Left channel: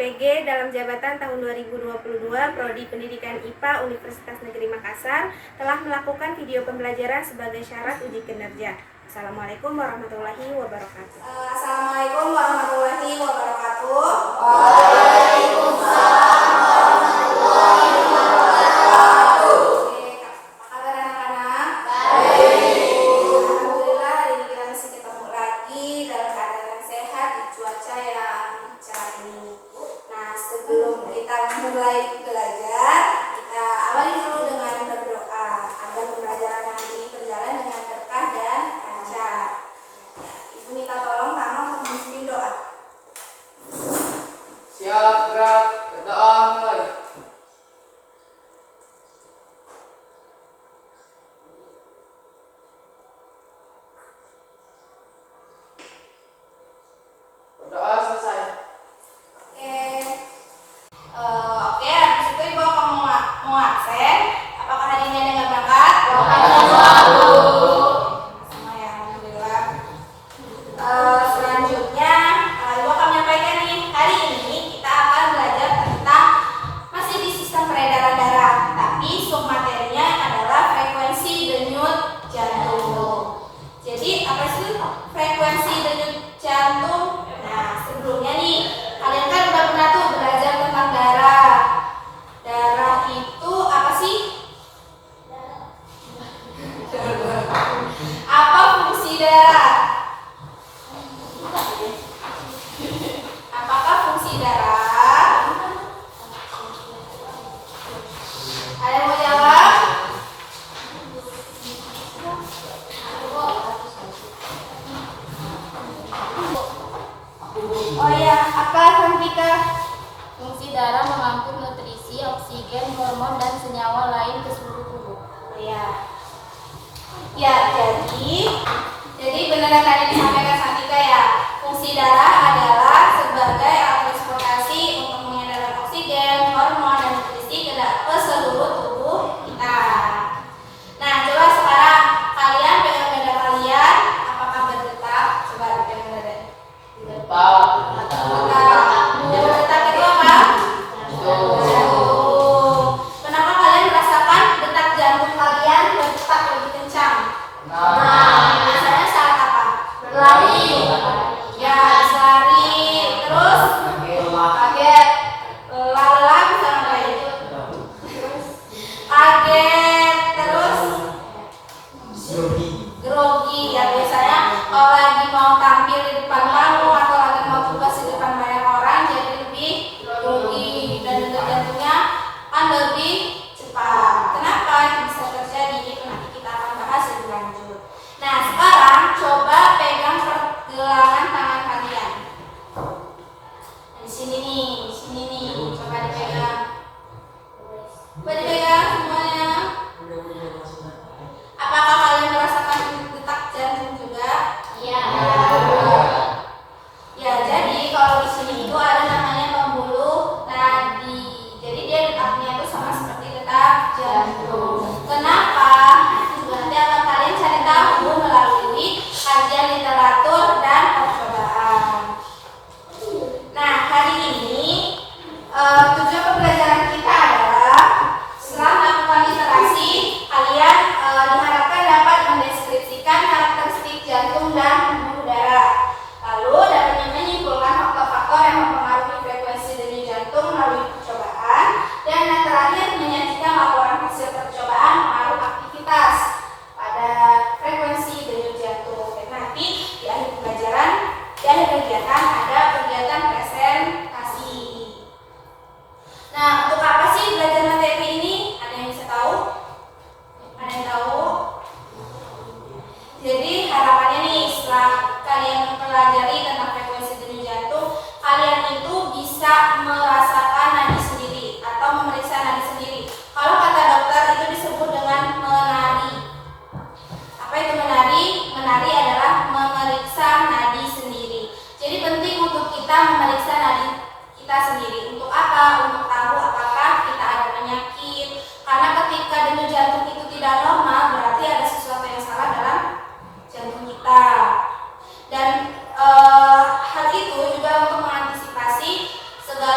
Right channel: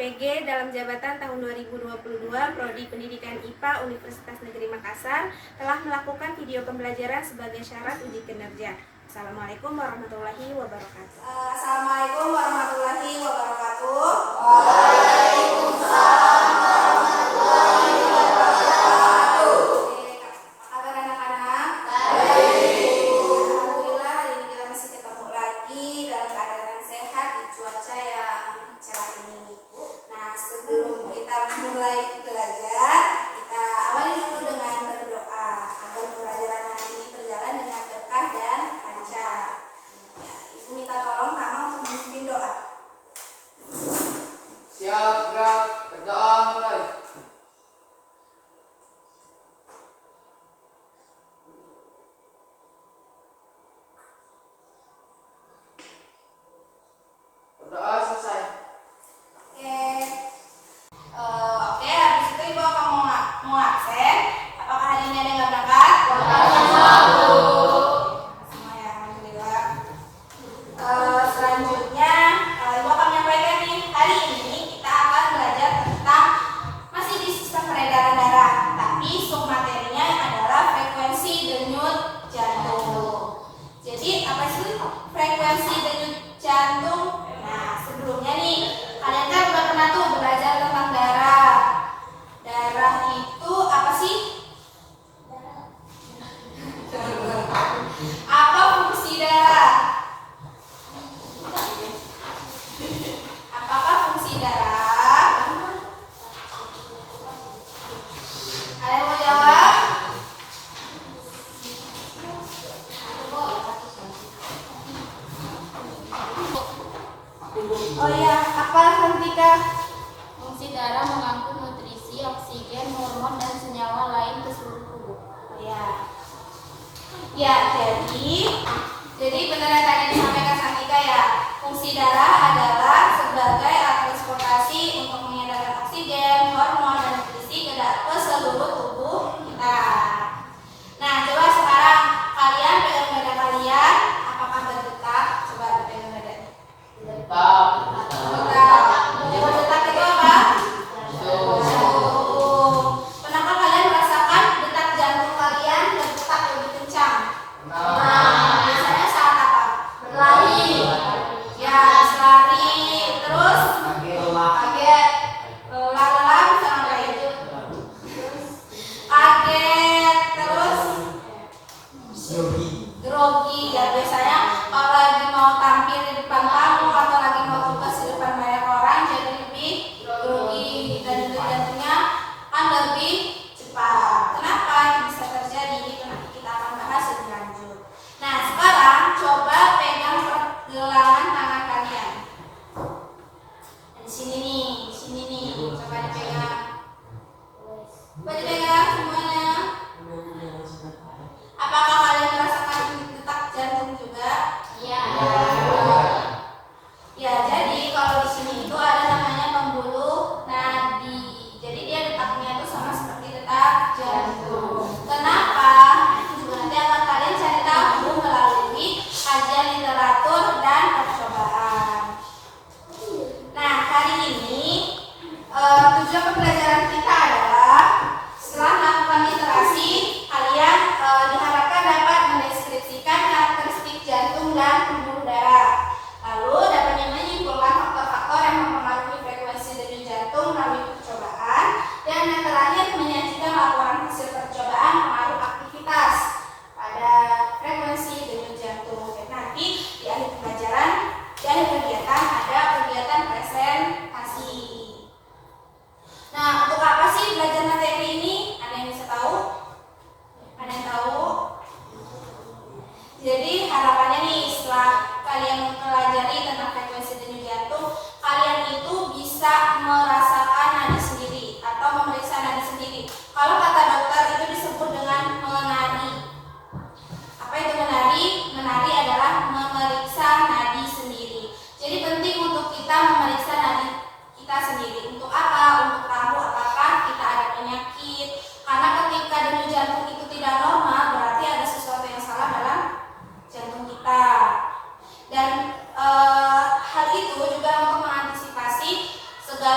PG dalam jabatan tahun 2022 Prodi Pendidikan IPA Universitas Negeri Makassar telah melakukan video pembelajaran sebagai syarat uji kinerja. Assalamualaikum warahmatullahi wabarakatuh. Assalamualaikum warahmatullahi wabarakatuh. Waalaikumsalam warahmatullahi wabarakatuh. Oke, apa kabar anak-anak? Baik. Alhamdulillah hari ini kita masih ketemu lagi dalam keadaan yang sehat di cuaca yang cerah ini. Nah, sebelum kita mulai belajar, kita awali dulu dengan berdoa agar pembelajaran hari ini berjalan dengan berkah dan lancar. Ya, Ibu minta tolong Kak untuk memimpin doa. Siap, gerak, berdoa mulai. Berdoa selesai. Oke, habis itu Ibu akan mau absen. Apakah hari ini ada nggak berangkat? Semua ya, alhamdulillah. Selanjutnya Ibu akan menyampaikan nih, hari ini kita akan belajar tentang masih di sistem peredaran darah, tapi submaterinya adalah frekuensi denyut jantung. Jadi apa sih frekuensi denyut jantung? Nah, sebelumnya nih kalian kan udah pernah tuh belajar tentang darah. Darah itu apa sih? Apa fungsi darah? Apakah fungsi darah? Ada yang mau jawab? Oh ya, apa Santika? Fungsi darah mengangkut nutrisi, oksigen, hormon, dan senyawa lain ke seluruh tubuh. Oh ya. Ya, jadi benar yang tadi disampaikan Santika ya. Fungsi darah adalah sebagai alat transportasi untuk mengedarkan oksigen, hormon, dan nutrisi ke seluruh tubuh kita. Nah, coba sekarang kalian pegang dada kalian, apakah berdetak? Coba pegang dada. Tetap. Berdetak itu apa? Jantung. Kenapa kalian merasakan detak jantung kalian berdetak lebih kencang? Biasanya saat apa? Berlari. Ya, lari. Terus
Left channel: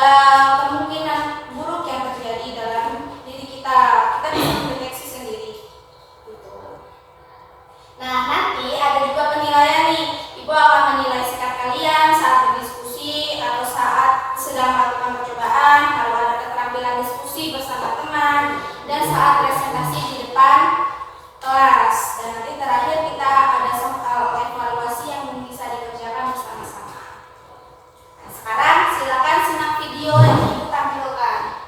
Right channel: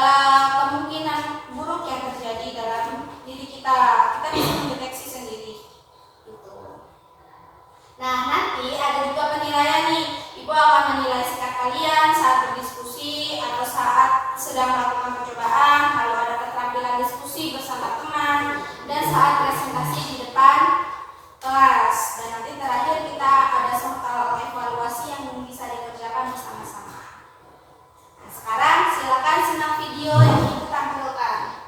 segala kemungkinan buruk yang terjadi dalam diri kita. Kita bisa mendeteksi sendiri. Gitu. Nah, nanti ada juga penilaian nih. Ibu akan menilai sikap kalian saat berdiskusi atau saat sedang melakukan percobaan, lalu ada keterampilan diskusi bersama teman, dan saat presentasi di depan kelas. Dan nanti terakhir kita ada soal evaluasi yang bisa dikerjakan bersama-sama. Nah, sekarang silakan simak video yang Ibu tampilkan.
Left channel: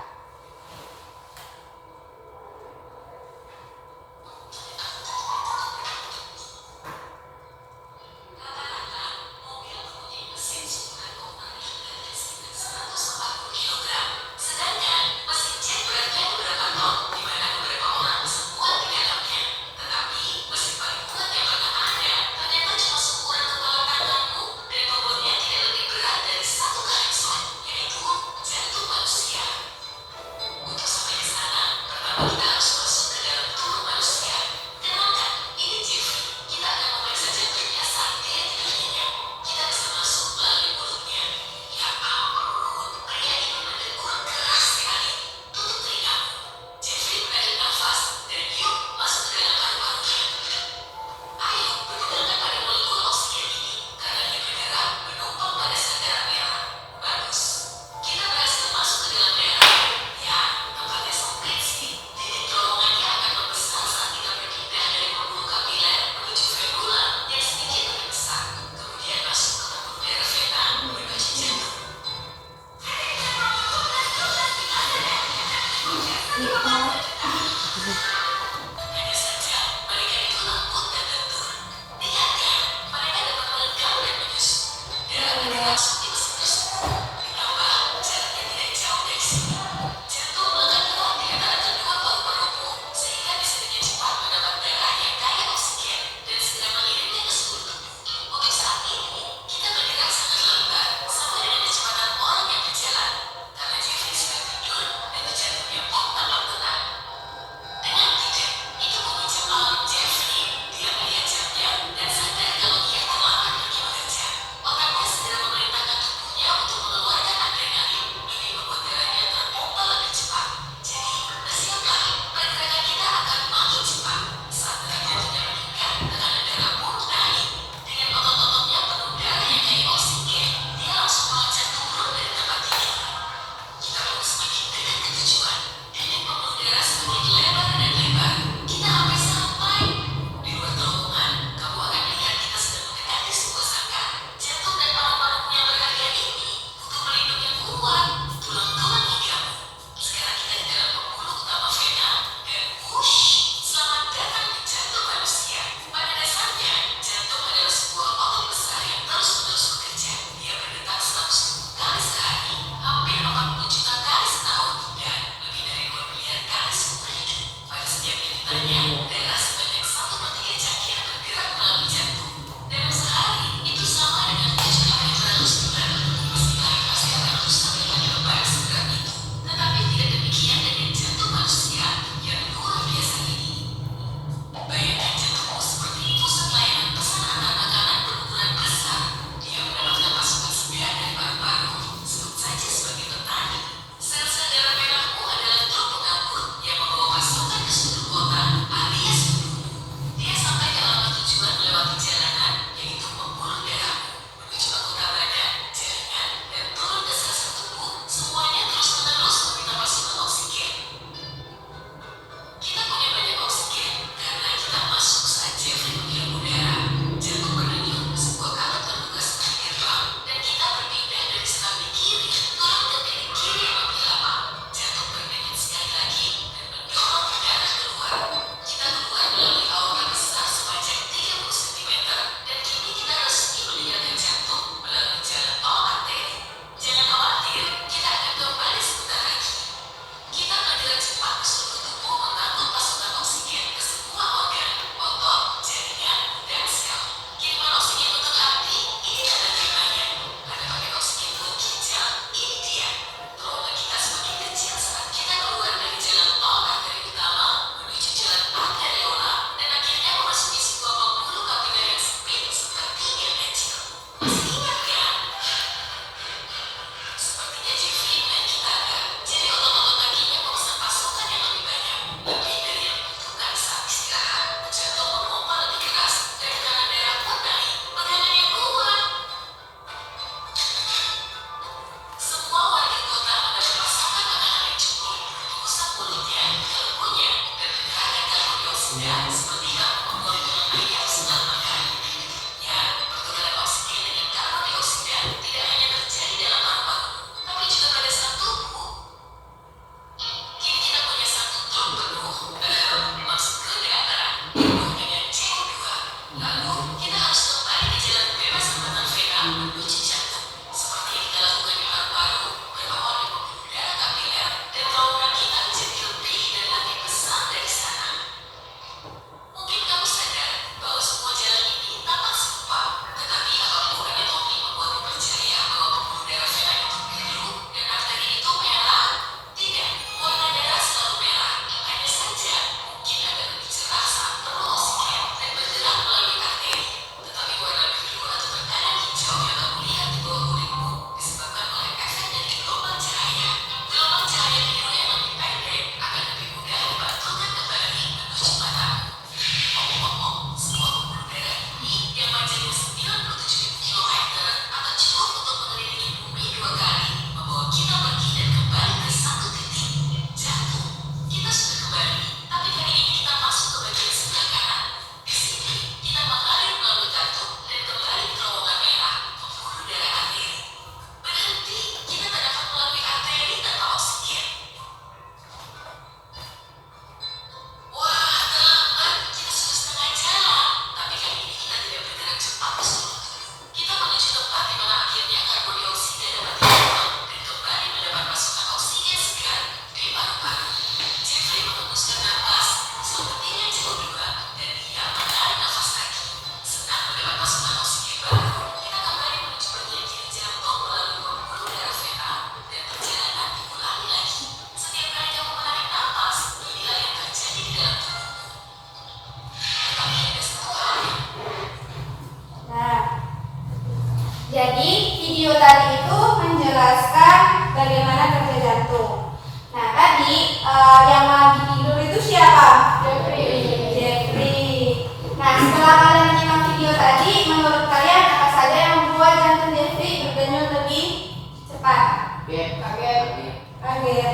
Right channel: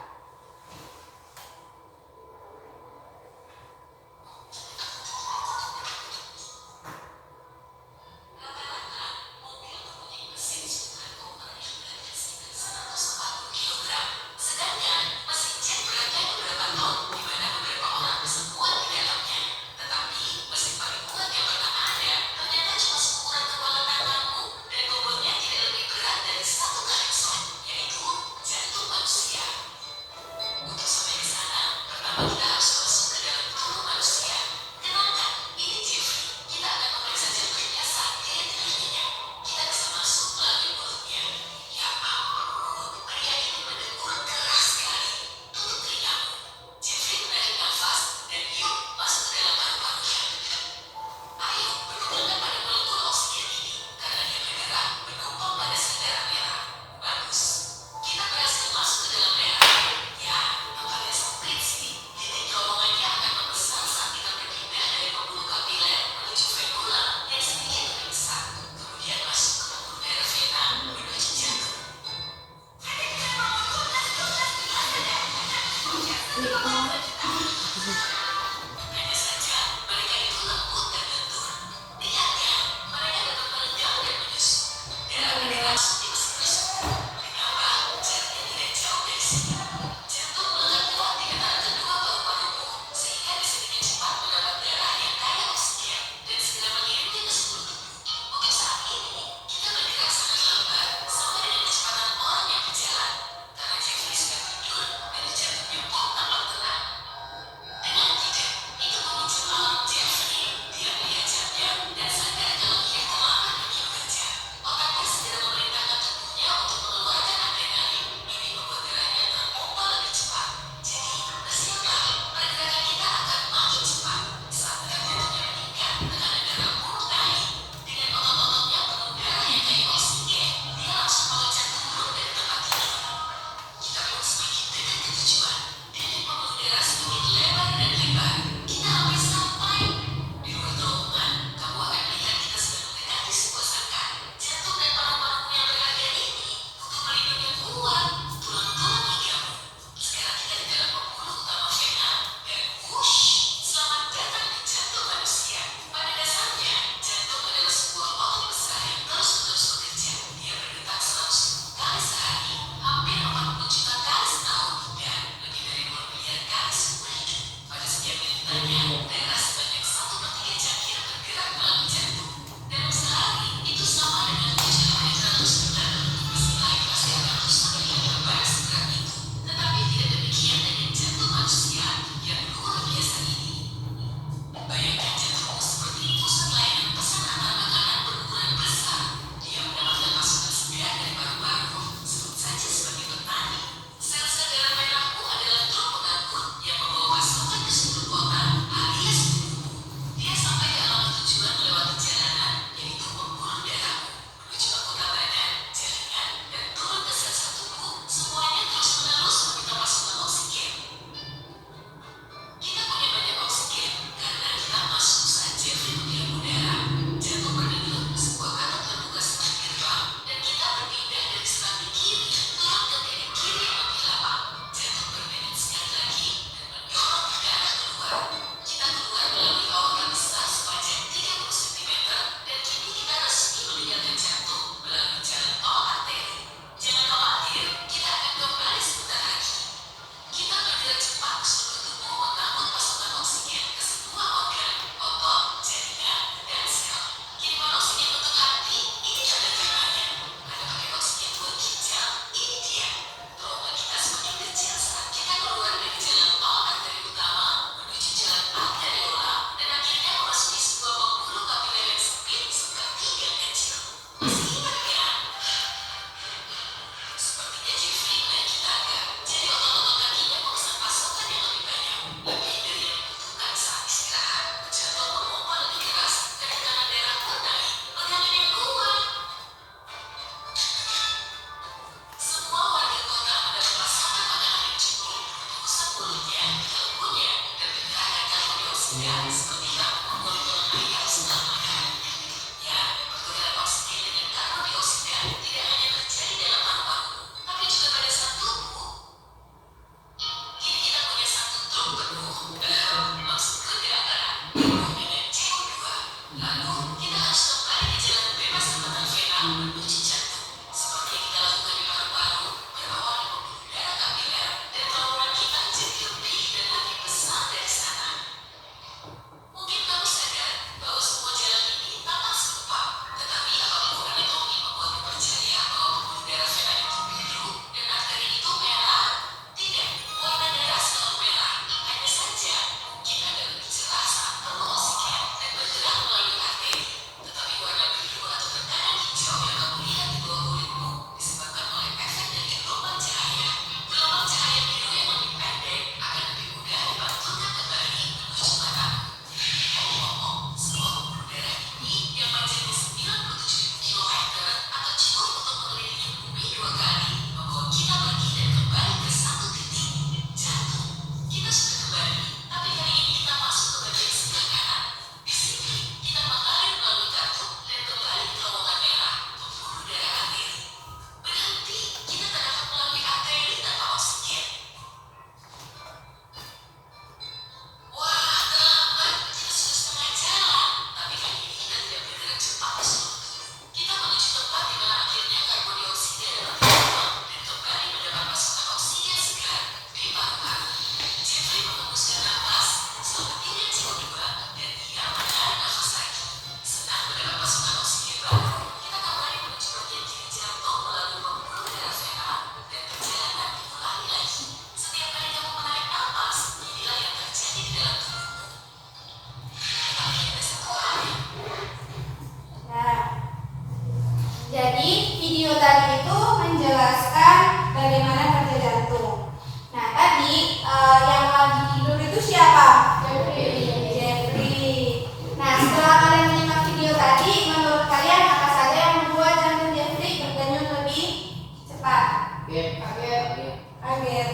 Kaget.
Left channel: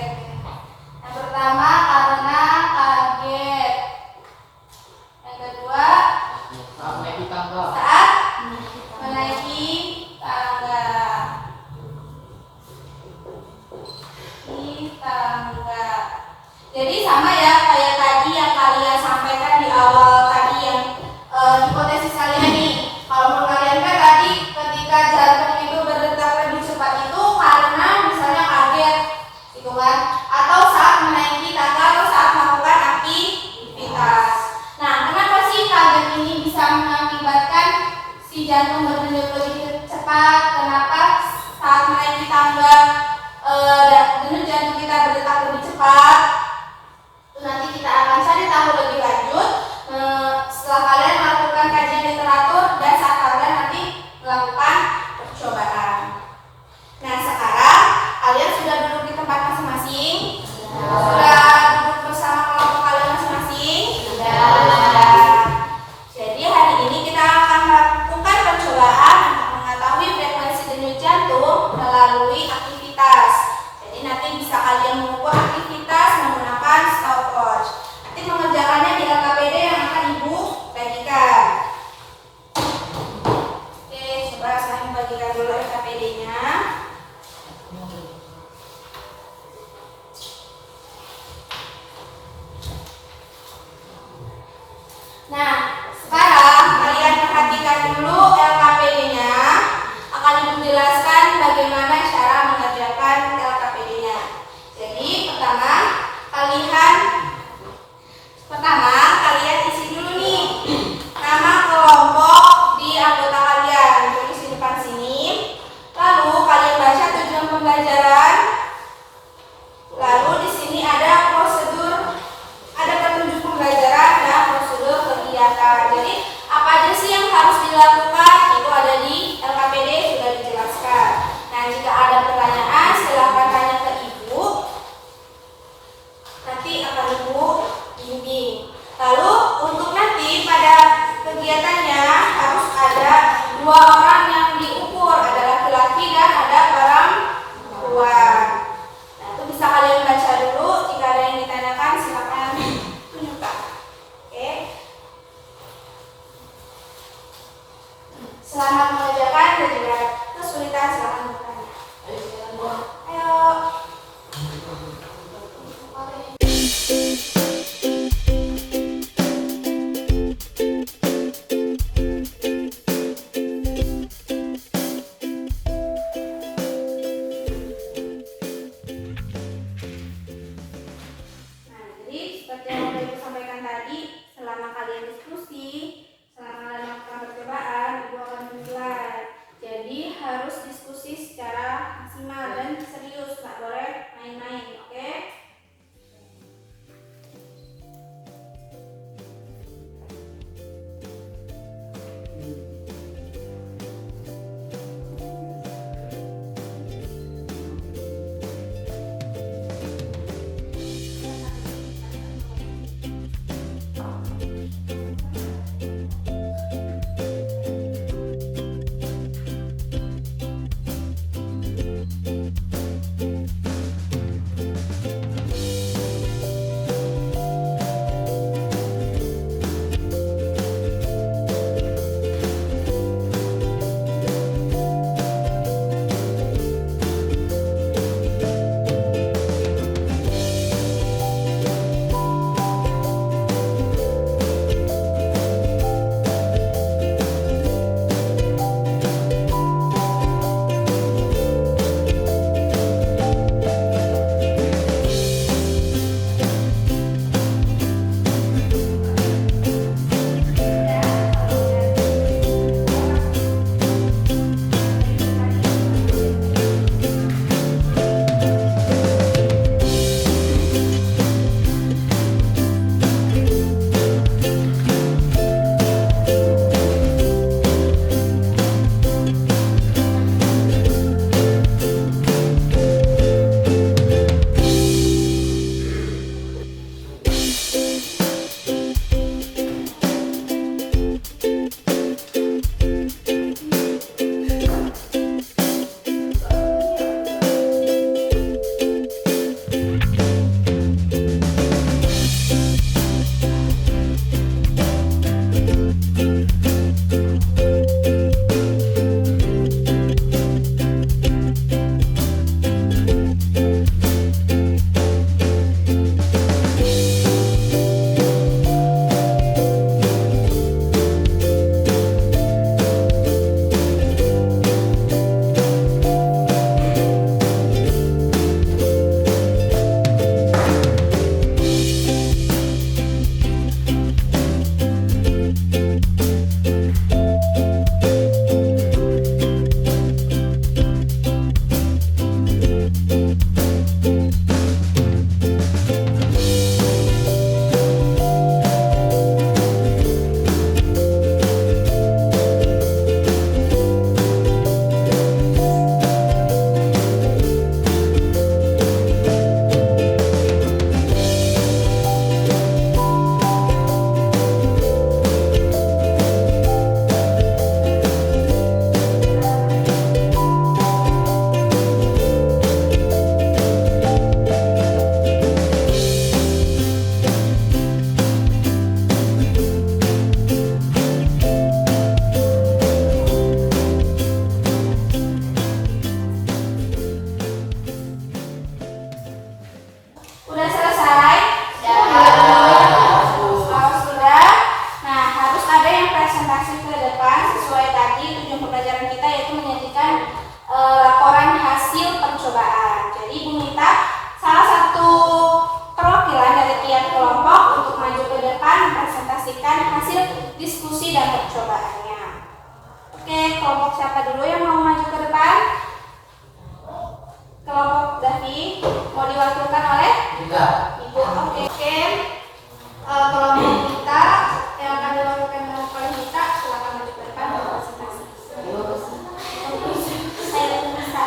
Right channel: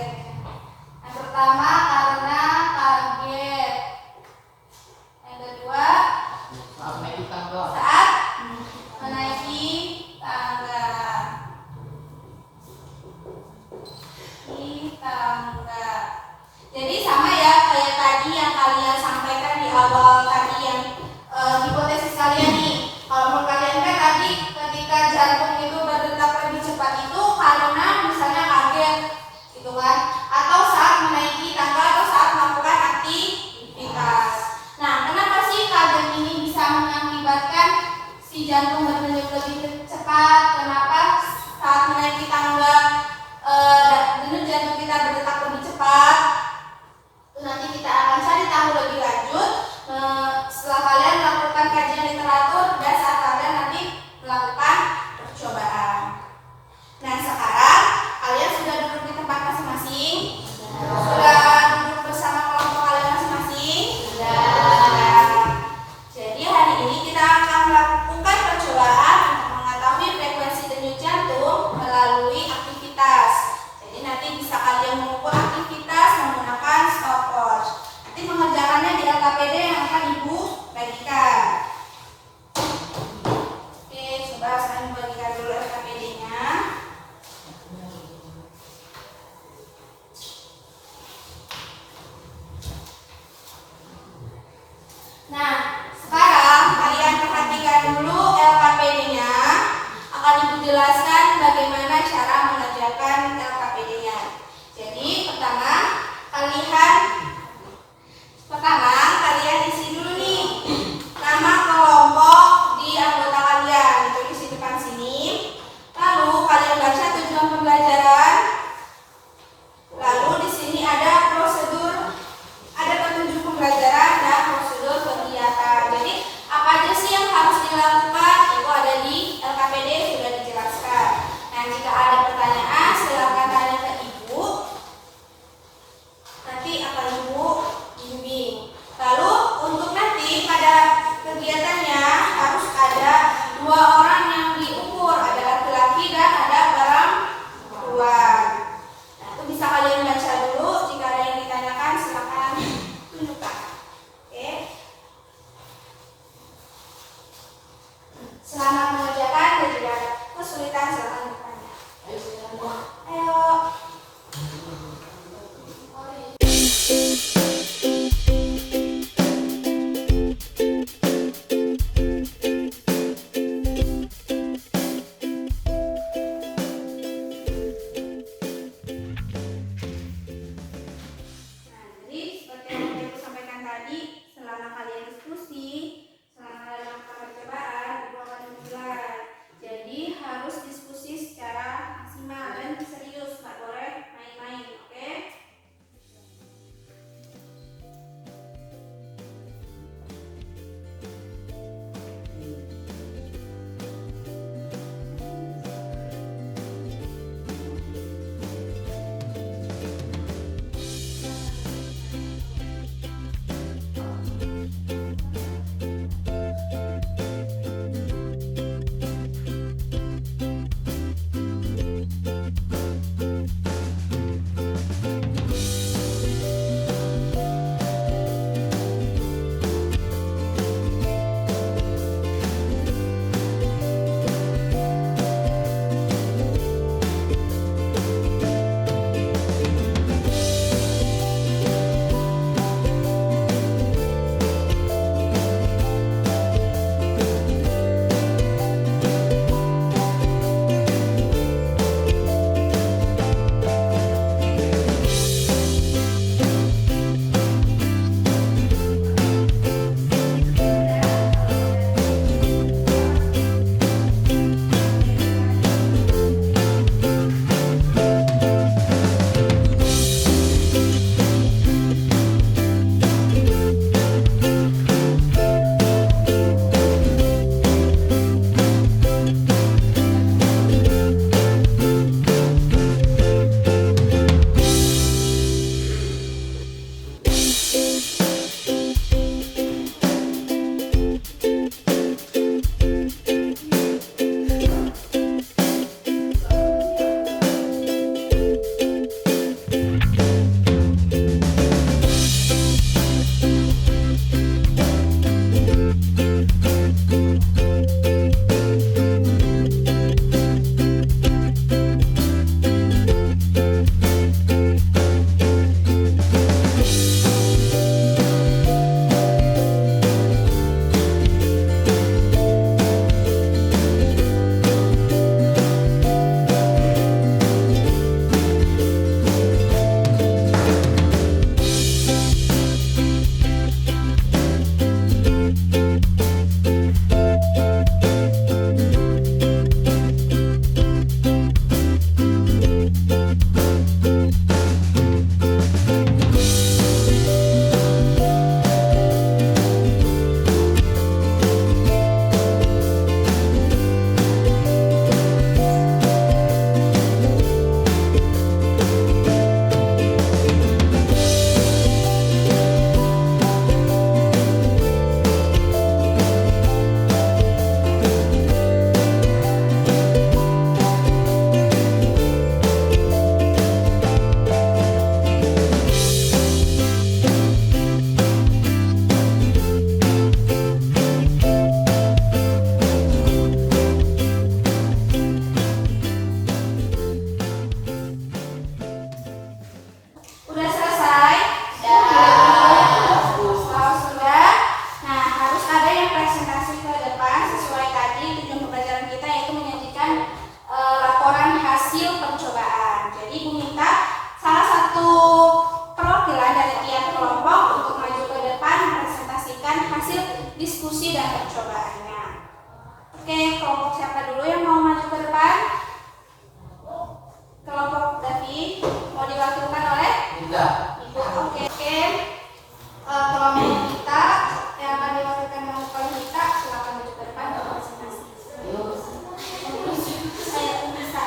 Yang pertama karena kaget. Yang kedua Saat naik tangga. saat menaiki tangga. Di tangga. Jadi sama ya kayak tadi yang kalian sampaikan di awal tadi yang hipotesis kalian nih. Kalau menurut kalian kan tadi ketika jantung itu berdetak lebih cepat itu karena misalnya kaget gitu kan, atau saat menaiki tangga atau saat melakukan aktivitas. Nah, kenapa sih kaget ini bisa mengakibatkan si jantung berdenyut lebih cepat? Kenapa saat menaiki tangga denyut jantung kita berdetak lebih cepat? Itu nanti kita akan cari tahu lebih lanjut setelah kalian melakukan kajian literatur dan saat kalian nanti melakukan percobaan. Nah, sekarang kalian sudah duduk di tempat masing-masing? Sudah duduk bersama kelompok kalian masing-masing? Sudah. Jadi hari ini kita akan melakukan percobaan untuk mengetahui frekuensi denyut jantung melalui aktivitas. Jadi nanti bisa kalian mengukur aktivitas menggunakan stopwatch. Nanti mengerjakannya di LKPD yang akan Ibu bagikan. Oke, coba saya membagikan dulu LKPD-nya. Nah, sekarang kalian perhatikan dulu LKPD-nya. Akan Ibu jelaskan bagaimana cara mengerjakan LKPD-nya. Jadi, kalian isi dulu nih nama kelompok di anggota kalian. Tulis di depan sini. Lalu kalian baca tujuan pembelajaran. Lalu di sini ada prosedur, ada petunjuk pembelajaran dan prosedur kegiatan. Ibu, oke. Kelompok kita yang akan diwakilkan oleh Mita, silakan maju ke depan untuk presentasi. Saya bisa.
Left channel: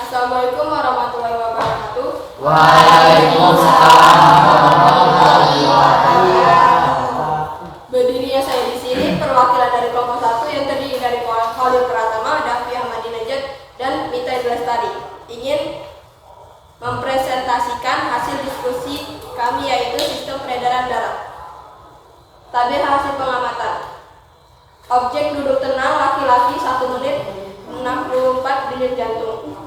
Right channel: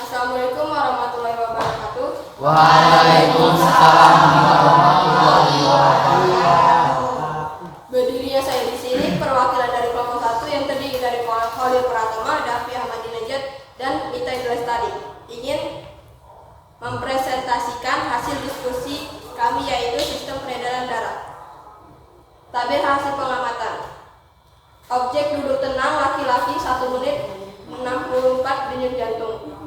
Assalamualaikum warahmatullahi wabarakatuh. Waalaikumsalam warahmatullahi wabarakatuh. Berdirinya saya di sini perwakilan dari kelompok 1 yang terdiri dari Khalil Pratama, Dafi Ahmadi Najat, dan Mita Lestari ingin mempresentasikan hasil diskusi kami, yaitu sistem peredaran darah. Tabel hasil pengamatan. Objek duduk tenang laki-laki 1 menit 64 denyut jantung,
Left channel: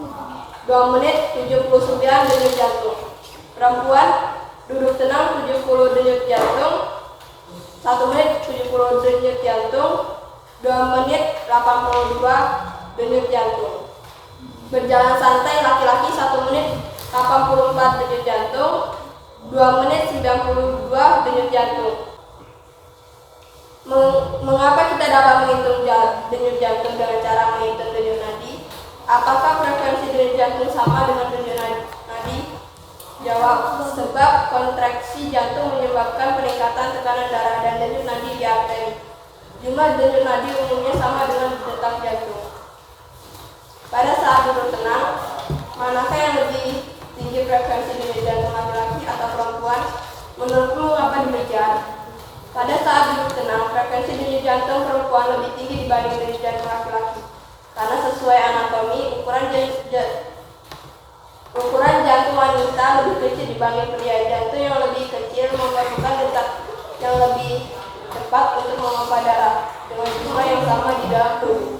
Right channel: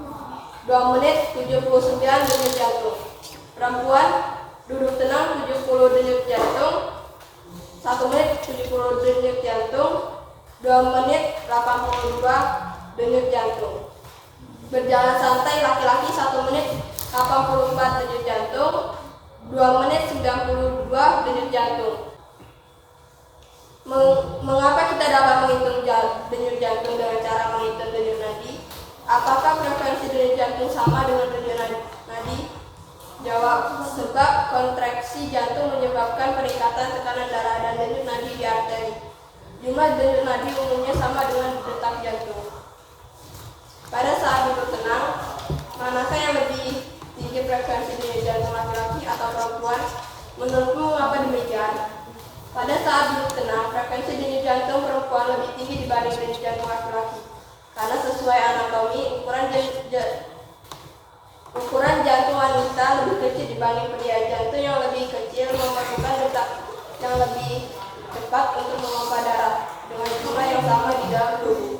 2 menit 79 denyut jantung. Perempuan duduk tenang 70 denyut jantung, 1 menit 70 denyut jantung, 2 menit 82 denyut jantung. Berjalan santai laki-laki 1 menit 84 denyut jantung, 2 menit 92 denyut jantung. Mengapa kita dapat menghitung denyut jantung dengan cara menghitung denyut nadi? Apakah frekuensi denyut jantung sama dengan denyut nadi? Jawab, sebab kontraksi jantung menyebabkan peningkatan tekanan darah dan denyut nadi di arteri. Jumlah denyut nadi umumnya sama dengan detak jantung. Pada saat duduk tenang, manakah yang lebih tinggi frekuensi denyut jantung, laki-laki atau perempuan? Menurutmu mengapa demikian? Pada saat duduk tenang, frekuensi denyut jantung perempuan lebih tinggi dibanding denyut jantung laki-laki. Karena sesuai anatomi, ukuran jantung wanita lebih kecil dibanding pria. Jantung yang lebih kecil memerlukan detak yang lebih cepat untuk memompa darah dengan jumlah yang sama di dalam tubuh.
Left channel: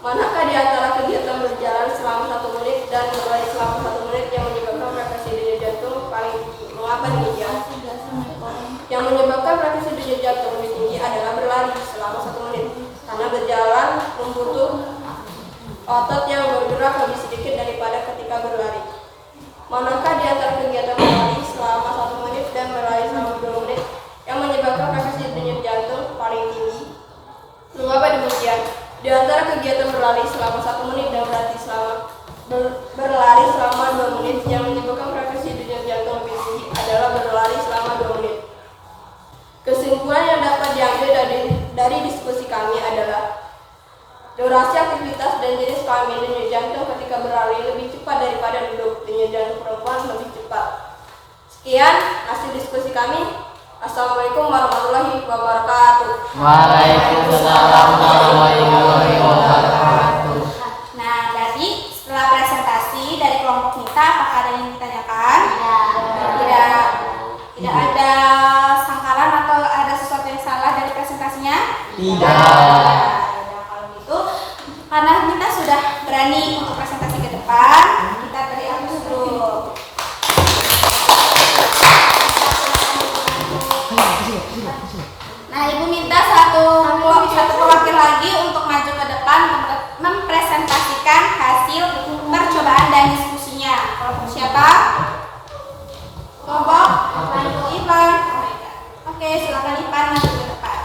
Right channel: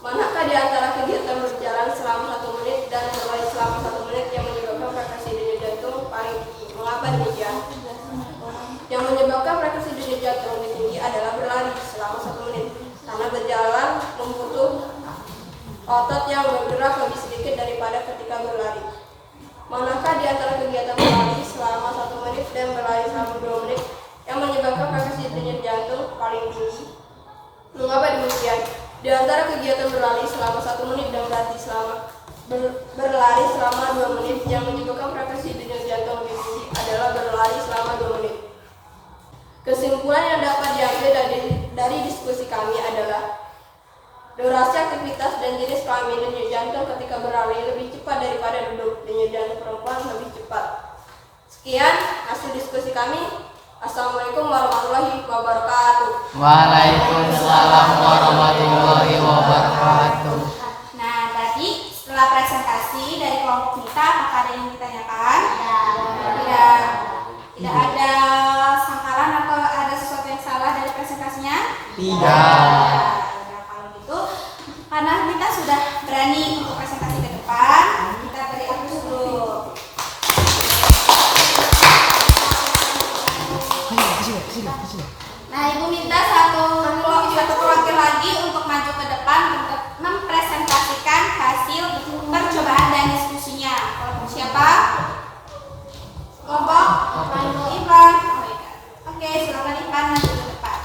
Manakah di antara kegiatan berjalan selama 1 menit dan berlari selama 1 menit yang menyebabkan frekuensi denyut jantung paling tinggi? Mengapa demikian? Yang menyebabkan frekuensi denyut jantung lebih tinggi adalah berlari selama 1 menit, karena berjalan membutuh otot yang bergerak lebih sedikit daripada ketika berlari. Manakah di antara kegiatan berlari selama 1 menit dan berlari selama 2 menit yang menyebabkan frekuensi denyut jantung paling tinggi? Mengapa demikian? Di antara kegiatan berlari selama 1 menit dan berlari selama 2 menit yang menyebabkan frekuensi denyut jantung lebih tinggi adalah berlari selama 2 menit. Kesimpulan yang dapat diambil dari diskusi kami adalah durasi aktivitas dan jenis kelamin denyut jantung ketika berlari lebih cepat daripada duduk. Denyut jantung perempuan lebih cepat. Sekian hasil diskusi kami. Assalamualaikum warahmatullahi wabarakatuh. Waalaikumsalam warahmatullahi wabarakatuh. Nah, jadi setelah presentasi dari kelompok Mita, apakah ada yang ditanyakan? Tidak ada sangkalan atau ada sesuatu yang salah dari presentasinya? Tidak. Kalau gitu, karena Mita sudah berani untuk presentasi ke depan, kita beri aplaus dulu. Nah, Ibu minta satu perwakilan lagi untuk maju ke depan untuk mempresentasikan hasil percobaan dan diskusinya. Kelompok siapa? Kelompok Ivan. Oke, silakan Ivan maju ke depan.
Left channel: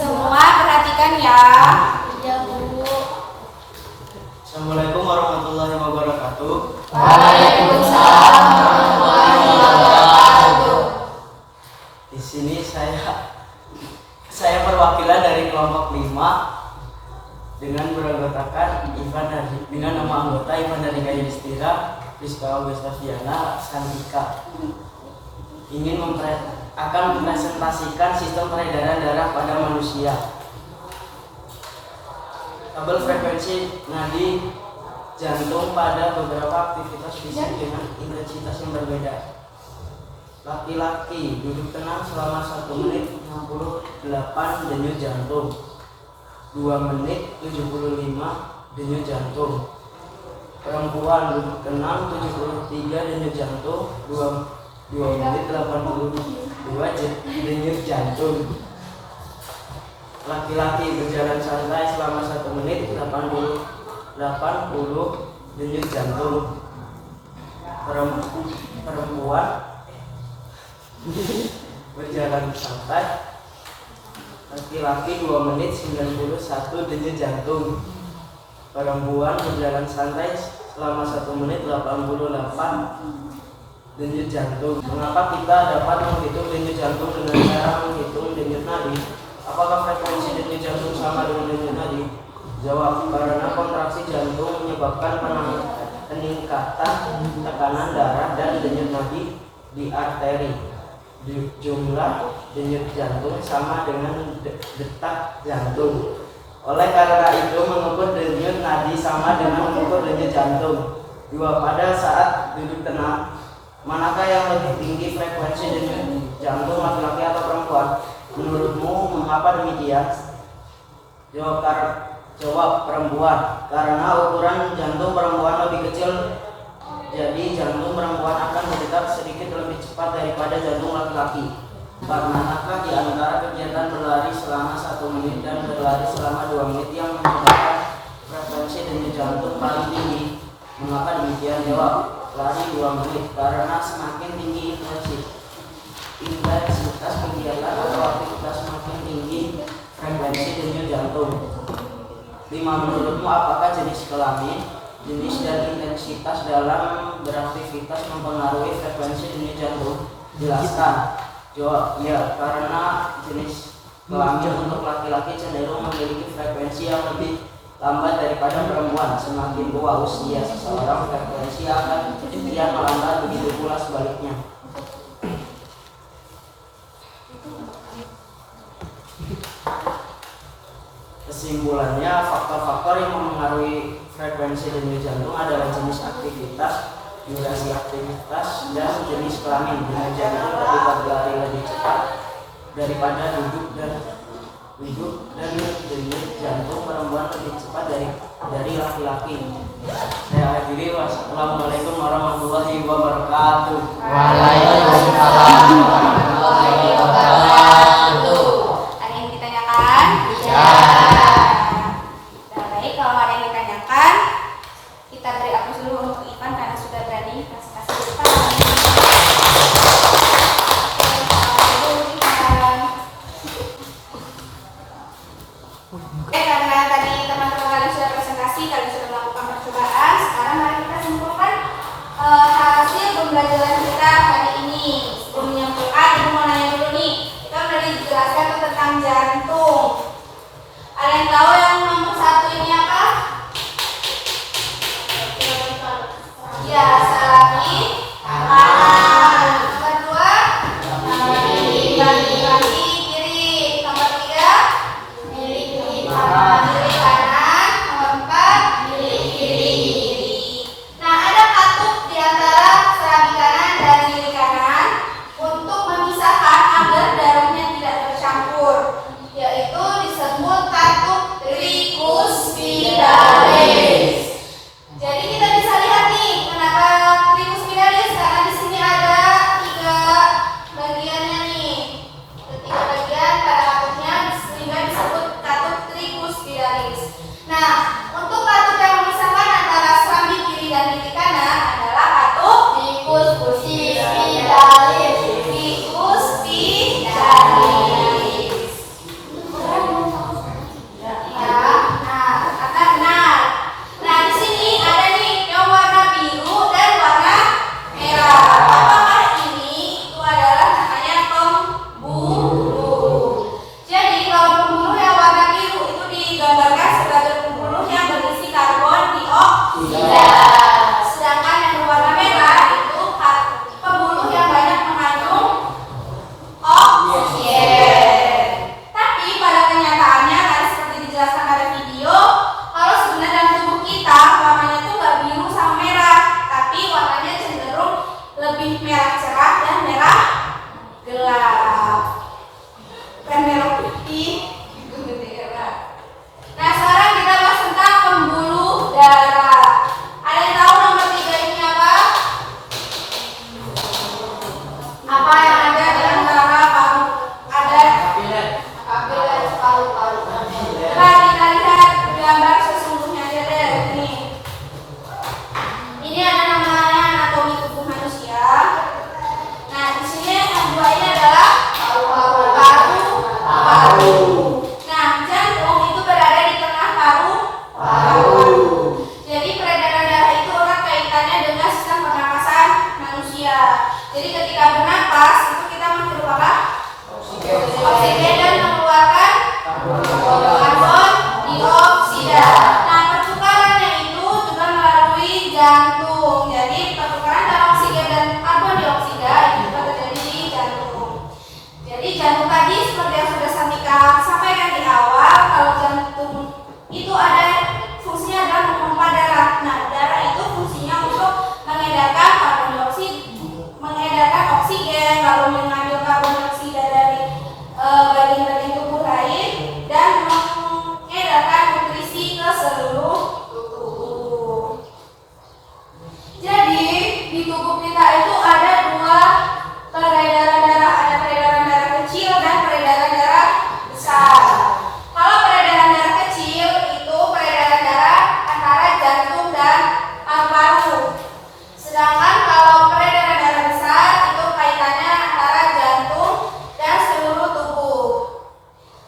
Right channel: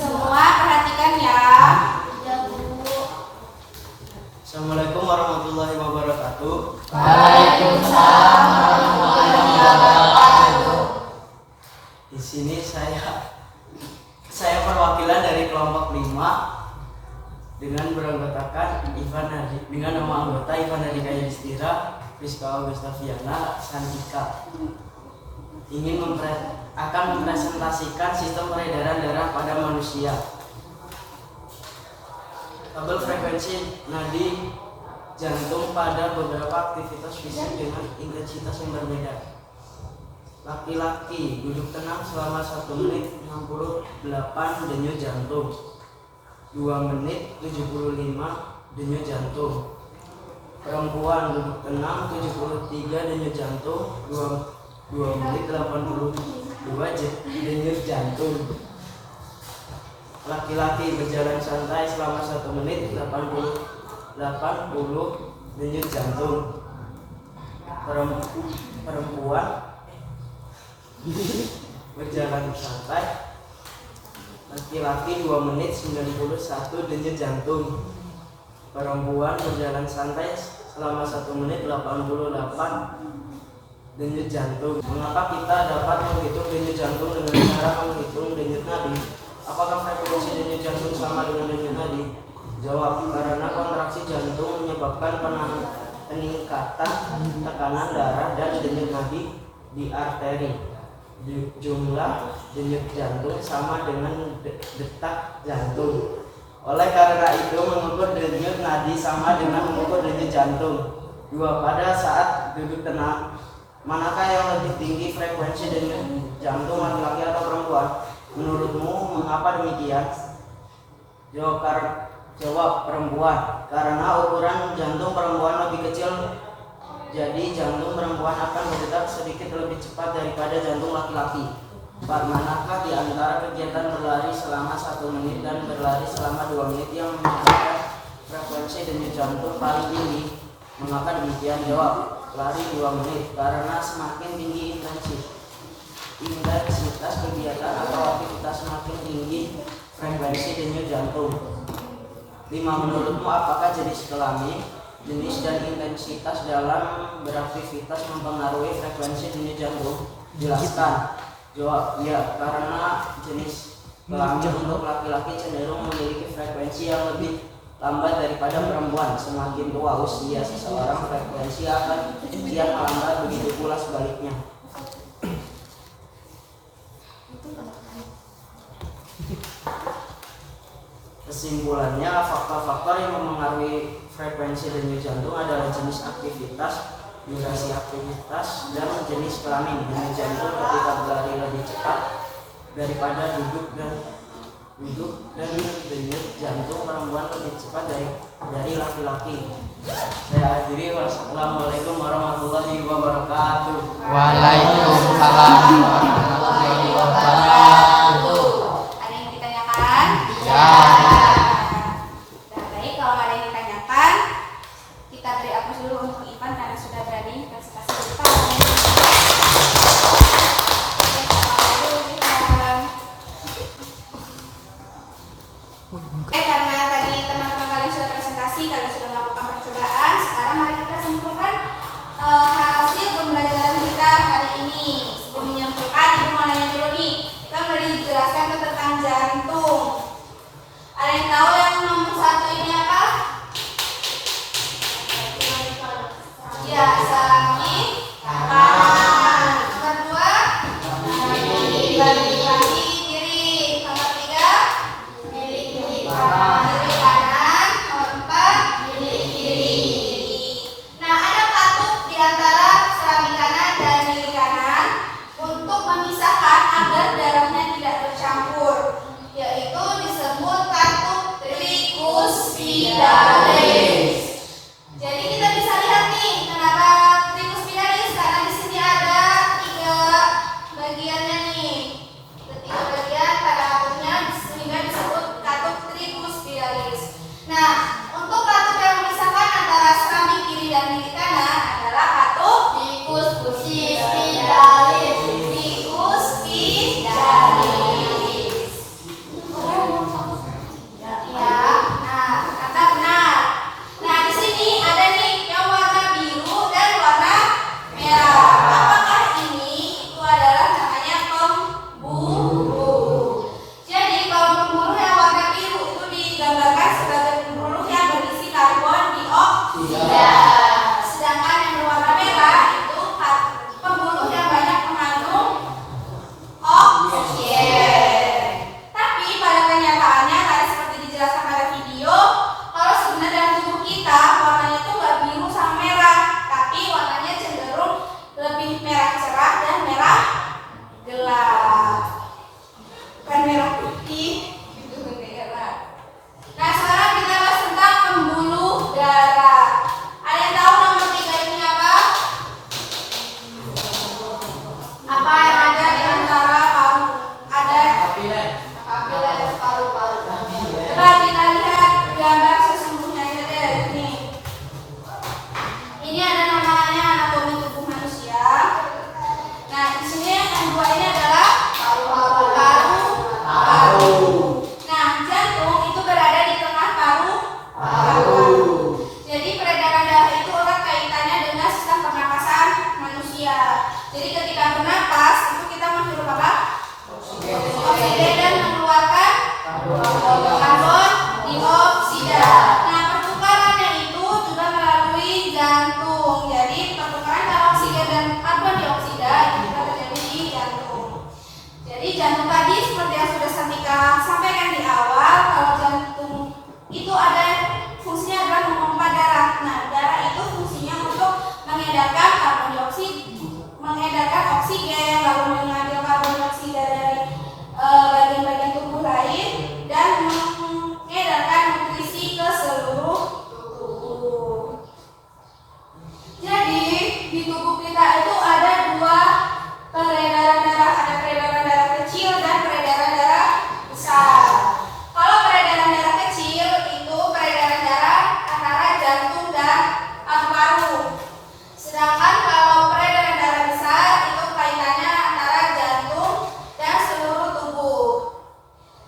Semua perhatikan ya. Assalamualaikum warahmatullahi wabarakatuh. Waalaikumsalam warahmatullahi wabarakatuh. Di sini saya perwakilan dari kelompok 5 dengan beranggotakan dengan nama anggota Ivan dari Yudhistira, Rizka Augustaviana, Santika. Akan mempresentasikan sistem peredaran darah pada manusia. Tabel frekuensi nadi jantung pada beberapa aktivitas fisik dengan intensitas yang berbeda. Laki-laki duduk tenang selama 1 menit 68 denyut jantung, 2 menit 75 denyut jantung. Perempuan duduk tenang 73 denyut jantung, 2 menit 82 denyut jantung. Laki-laki berjalan santai selama 1 menit 80 denyut jantung. Perempuan berjalan santai. Laki-laki 2 menit 91 denyut jantung. Perempuan berjalan santai selama 1 menit 88 denyut jantung. Mengapa kita dapat menghitung denyut jantung dengan cara menghitung denyut nadi? Apakah frekuensi denyut jantung sama dengan denyut nadi? Jawab, karena kontraksi jantung menyebabkan peningkatan tekanan darah dan denyut nadi di arteri. Jumlah denyut jantung sama dengan detak jantung. Oleh karena itu, mengukur denyut nadi sama dengan mengukur denyut jantung. 2. Pada saat duduk tenang, manakah yang lebih tinggi frekuensi denyut jantung, laki-laki atau perempuan? Menurutmu mengapa demikian? Jawab perempuan, karena ukuran jantung perempuan lebih kecil, jadi jantung perempuan akan berdetak sedikit lebih cepat daripada jantung laki-laki. 4. Manakah di antara kegiatan berlari selama 1 menit dan berlari selama 2 menit yang menyebabkan frekuensi denyut jantung paling tinggi? Mengapa demikian? Jawab, lari 2 menit, karena semakin tinggi intensitas kegiatan atau aktivitas semakin tinggi frekuensi denyut jantung. 5. Menurutmu apakah jenis kelamin, jenis dan intensitas dalam beraktivitas mempengaruhi frekuensi denyut jantung? Jelaskan. Jawab, ya, karena jenis kelamin untuk laki-laki cenderung memiliki frekuensi yang lebih lambat daripada perempuan. Semakin tua usia seseorang, frekuensi akan kian melambat, begitu pula sebaliknya. Kesimpulannya, faktor-faktor yang mempengaruhi frekuensi denyut jantung adalah jenis aktivitas, durasi aktivitas, dan jenis kelamin. Denyut jantung ketika berlari lebih cepat daripada duduk dan denyut jantung perempuan lebih cepat dari laki-laki. Saya akhiri. Wassalamualaikum warahmatullahi wabarakatuh. Waalaikumsalam warahmatullahi wabarakatuh. Ada yang ditanyakan? Ya. Nah, baik, kalau ada yang ditanyakan, kita beri aplaus dulu untuk Ivan karena sudah berani presentasi di depan. Karena tadi teman-teman kalian sudah presentasi, kalian sudah melakukan percobaan, sekarang mari kita simpulkan hasil pembelajaran kita hari ini. Sebelum menyimpulkan, ibu mau nanya dulu nih, kita sudah dijelaskan tentang jantung. Ada yang tahu yang nomor 1 ini apa? Ya, salami kanan. Nomor 2 kaki kiri. Nomor 3 kiri kanan. Nomor 4 kiri. Nah, ada katup di antara salami kanan dan kiri kanan untuk memisahkan agar darahnya tidak bercampur, yaitu disebut katup trikuspidalis. Jadi kita bisa lihat nih, kenapa trikuspidalis? Karena di sini ada 3 bagiannya nih, 3 bagian pada katupnya, sehingga disebut katup trikuspidalis. Nah, untuk katup yang memisahkan antara serambi kiri dan kiri kanan adalah katup trikuspidalis. Ya, nah Jadi jantung tadi seperti yang sudah Santika sampaikan di awal, kalau jantung itu ada fungsinya adalah memompa darah. Nah, darah itu fungsinya untuk mengedarkan karbon dioksida, mengedarkan oksigen, lalu mengambil karbon dioksida dari bagian-bagian tubuh lain dan mengedarkan nutrisi ke seluruh tubuh. Jadi di tubuh kita itu ada dua peredaran darah, ada peredaran darah kecil dan peredaran darah besar. Kalau peredaran darah kecil itu peredaran darah antara jantung dan paru-paru. Sedangkan kalau peredaran darah besar itu kaitannya antara jantung dan seluruh tubuh.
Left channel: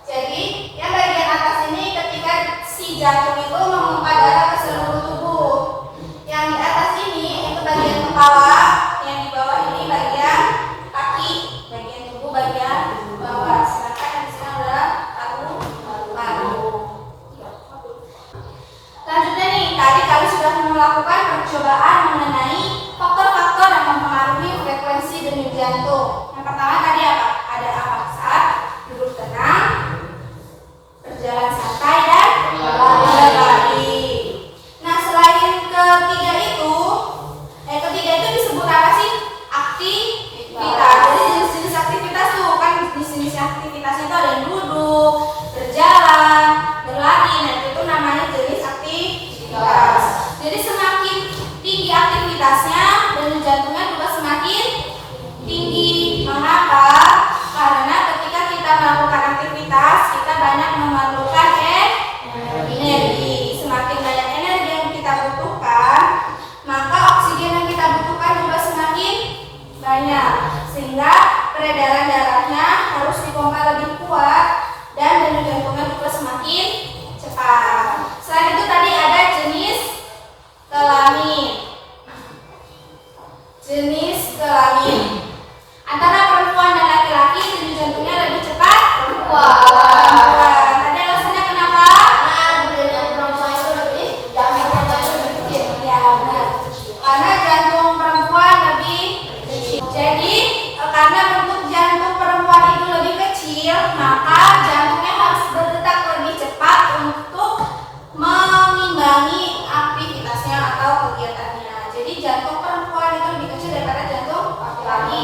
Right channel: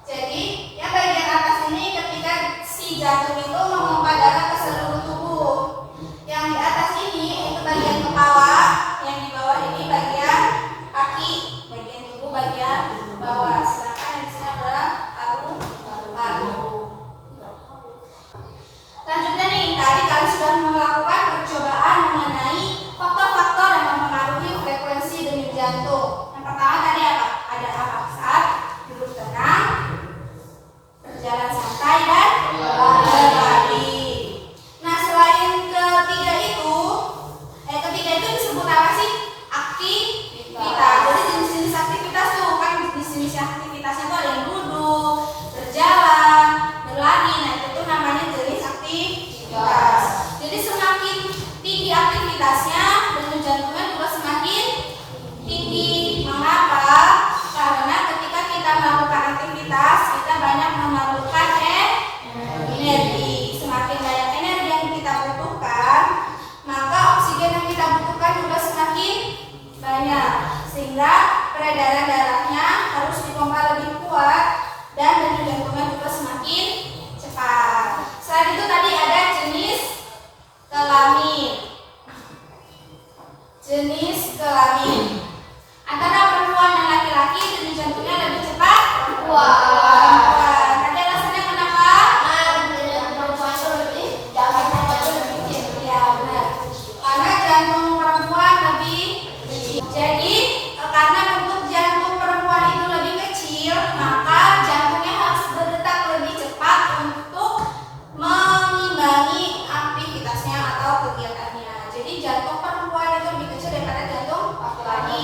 Jadi yang bagian atas ini ketika si jantung itu memompa darah ke seluruh tubuh. Yang di atas ini itu bagian kepala, yang di bawah ini bagian kaki, bagian tubuh bagian bawah. Sedangkan yang di sini adalah paru-paru. Lanjutnya nih, tadi kalian sudah melakukan percobaan mengenai faktor-faktor yang mempengaruhi frekuensi denyut jantung. Yang pertama tadi apa? Ada apa? Saat duduk tenang, berjalan santai dan berlari. Nah, selain ketiga itu disebut apa sih? Aktivitas. Jadi jenis-jenis aktivitas tuh kan jenis-jenis aktivitasnya itu ada yang duduk, berjalan, berlari. Nah, itu namanya jenis aktivitas. Jadi semakin tinggi aktivitasnya, denyut jantungnya juga semakin tinggi. Mengapa? Karena ketika kita melakukan aktivitas, kita banyak memerlukan energi. Semakin banyak energi yang kita butuhkan, maka oksigen yang kita butuhkan juga semakin banyak, sehingga peredaran darahnya harus dipompa lebih kuat dan denyut jantungnya juga semakin cepat. Selain itu tadi ada jenis kelamin. Jenis kelamin antara perempuan dan laki-laki denyut jantungnya lebih cepat perempuan. Tadi alasannya kenapa? Perempuan itu lebih kecil. Ya benar. Karena jantung perempuan lebih kecil. Jadi karena bentuk jantung perempuan itu lebih kecil, maka jantungnya harus berdetak lebih cepat untuk mengimbangi aktivitasnya atau kegiatannya. Jadi jantung perempuan itu lebih kecil daripada jantung laki-laki.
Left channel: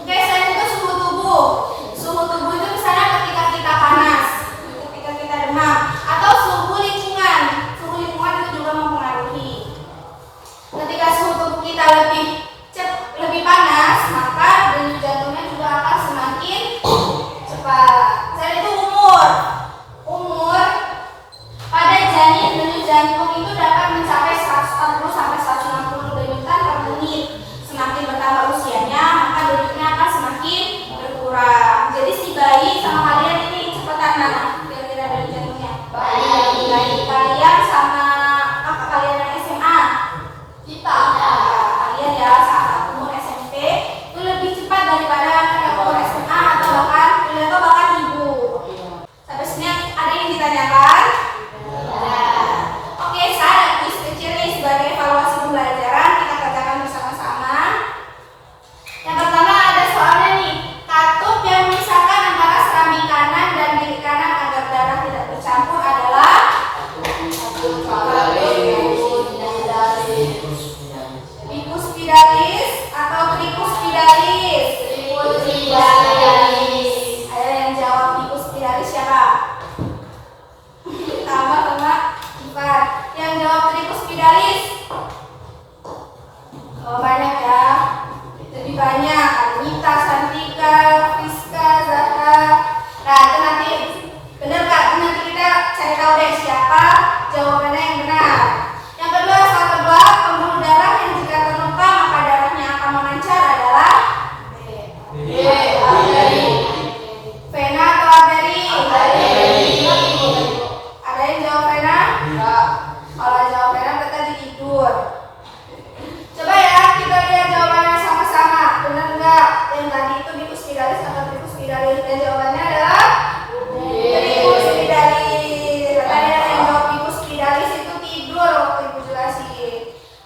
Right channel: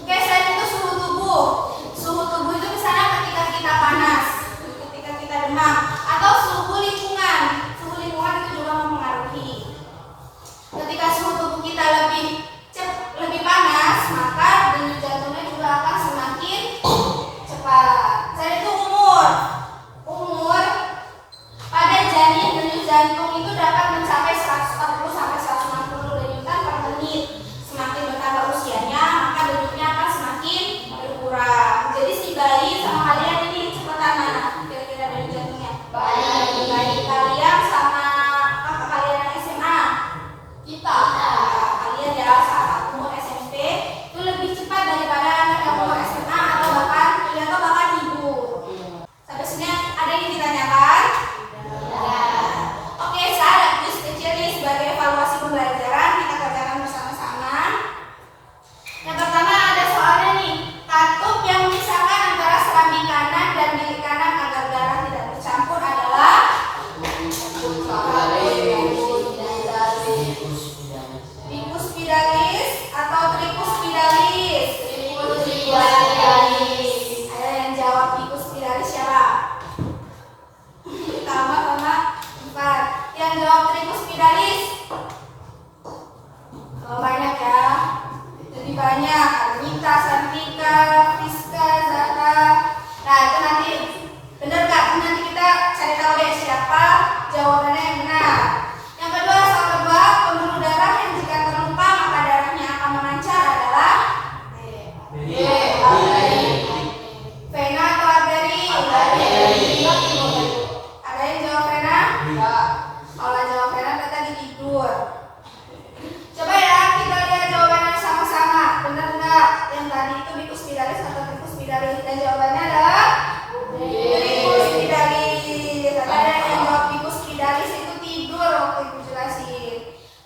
Oke, selain itu suhu tubuh. Suhu tubuh itu misalnya ketika kita panas, ketika kita demam, atau suhu lingkungan. Suhu lingkungan itu juga mempengaruhi. Ketika suhu tubuh kita lebih panas, maka denyut jantungnya juga akan semakin cepat. Selain itu umur pada janin denyut jantung itu dapat mencapai 140 sampai 160 denyutan per menit. Semakin bertambah usianya, maka denyutnya akan semakin berkurang. Jadi si bayi sama kalian ini cepetan mana kira-kira denyut jantungnya? Bayi kalian sama kakak kalian yang SMA? Kita. Kalian ya saat umur SMP itu lebih cepat daripada anak yang umur SMA atau bahkan ibu. Sampai sini ada yang ditanyakan? Oke, saya ada kuis kecil nih sebagai evaluasi pembelajaran, kita kerjakan bersama-sama. Yang pertama ada soalnya nih, katup yang memisahkan antara serambi kanan dan bilik kanan agar darah tidak bercampur adalah Vicus spiralis atau Tricus spiralis. Ada yang jawab Vicus spiralis siapa? Tambah sama Ivan. Yang jawab Tricus spiralis. Oh, banyak ya. Lebih banyak. Anita, Santika, Fiska, Zahra. Nah, itu nanti benar Kak. Nanti kita cari tahu deh siapa jawabannya yang benar. Yang kedua, soal kedua, pembuluh darah yang jika terluka maka darahnya akan memancar adalah vena atau arteri? Ada yang jawab vena? Kalau jawab vena berarti tadi tidur. Coba ya kita lihat jawabannya sama-sama. Benar nggak? Yang tadi itu Vicus spiralis atau Tricus spiralis? Dan jawabannya adalah Tricus spiralis. Ada yang jawab Vicus spiralis itu tidur waktu ibu jelasin.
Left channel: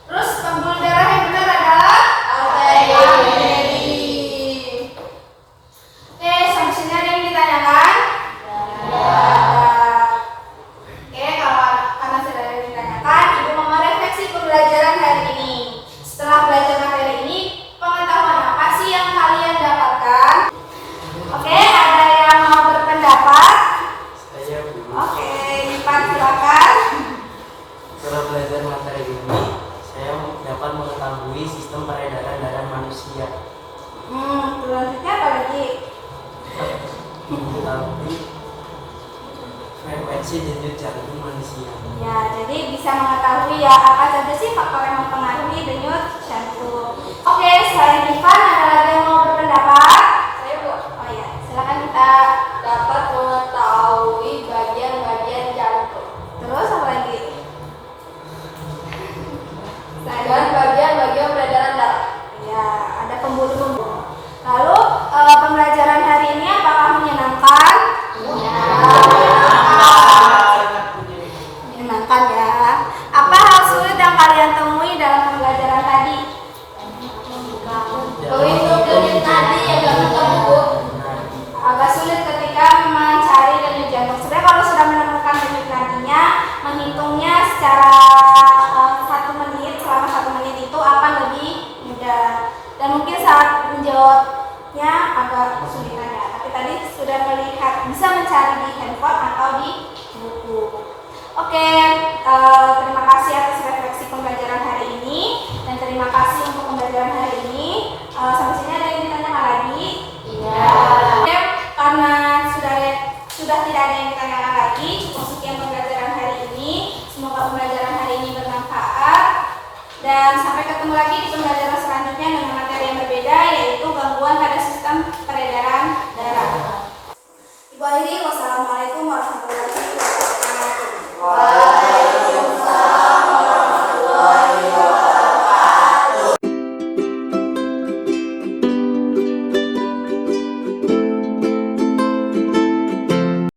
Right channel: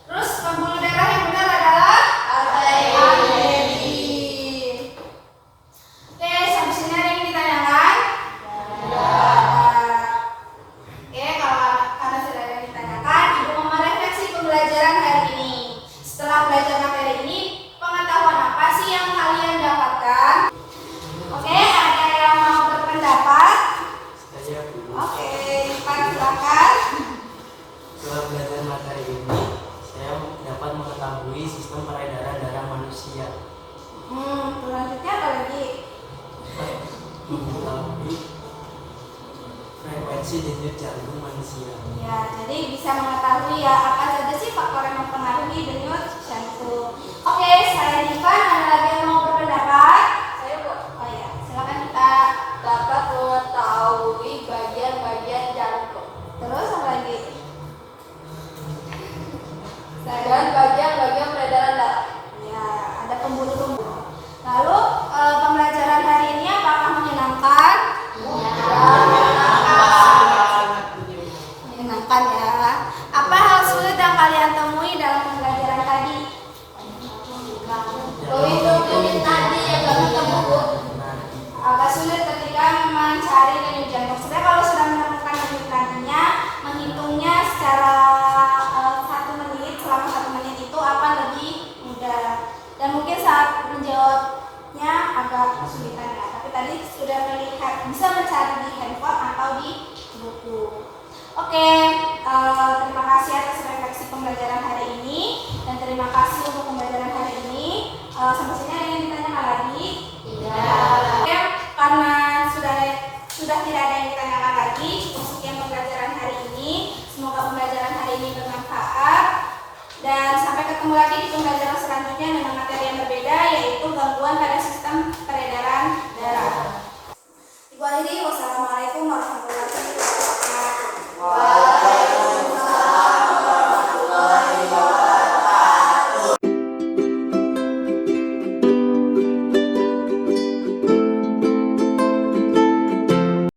Terus pembuluh darah yang benar adalah arteri. tetapi frekuensi denyut jantung manusia. Ya, jadi bisa mengetahui ya apa saja sih faktor yang mempengaruhi denyut jantung. Oke, selain Ivan ada lagi yang mau berpendapat? Saya Bu, Oh ya, silakan kita. dapat mengetahui bagian-bagian jantung Terus apa lagi? dan bagian-bagian peredaran darah. Ya, ada pembuluh-pembuluh. Lalu pembelajaran hari ini apakah menyenangkan? Menyenangkan ya. Apa hal sulit yang kalian temui dalam pembelajaran tadi? Untuk denyut tadi agak ketemu Bu. Agak sulit ketika mencari denyut jantung. Sebenarnya kalau sudah menemukan denyut nadinya, menghitungnya secara 1 menit, selama 1 menit itu akan lebih mudah. Dan mungkin saat menjawabnya agak kesulitan ya. Tapi tadi sudah melihat, bisa mencari di handphone atau di buku. Oke, terima kasih atas refleksi pembelajaran hari ini dan terima kasih untuk pembelajaran hari ini. Sampai sini ada yang ditanyakan lagi? Ya, karena sudah tidak ada yang ditanyakan lagi, cukup sekian pembelajaran hari ini. Semoga pembelajaran hari ini bermanfaat dan sampai ketemu lagi di pembelajaran selanjutnya dengan materi yang berbeda, yaitu gangguan pada sistem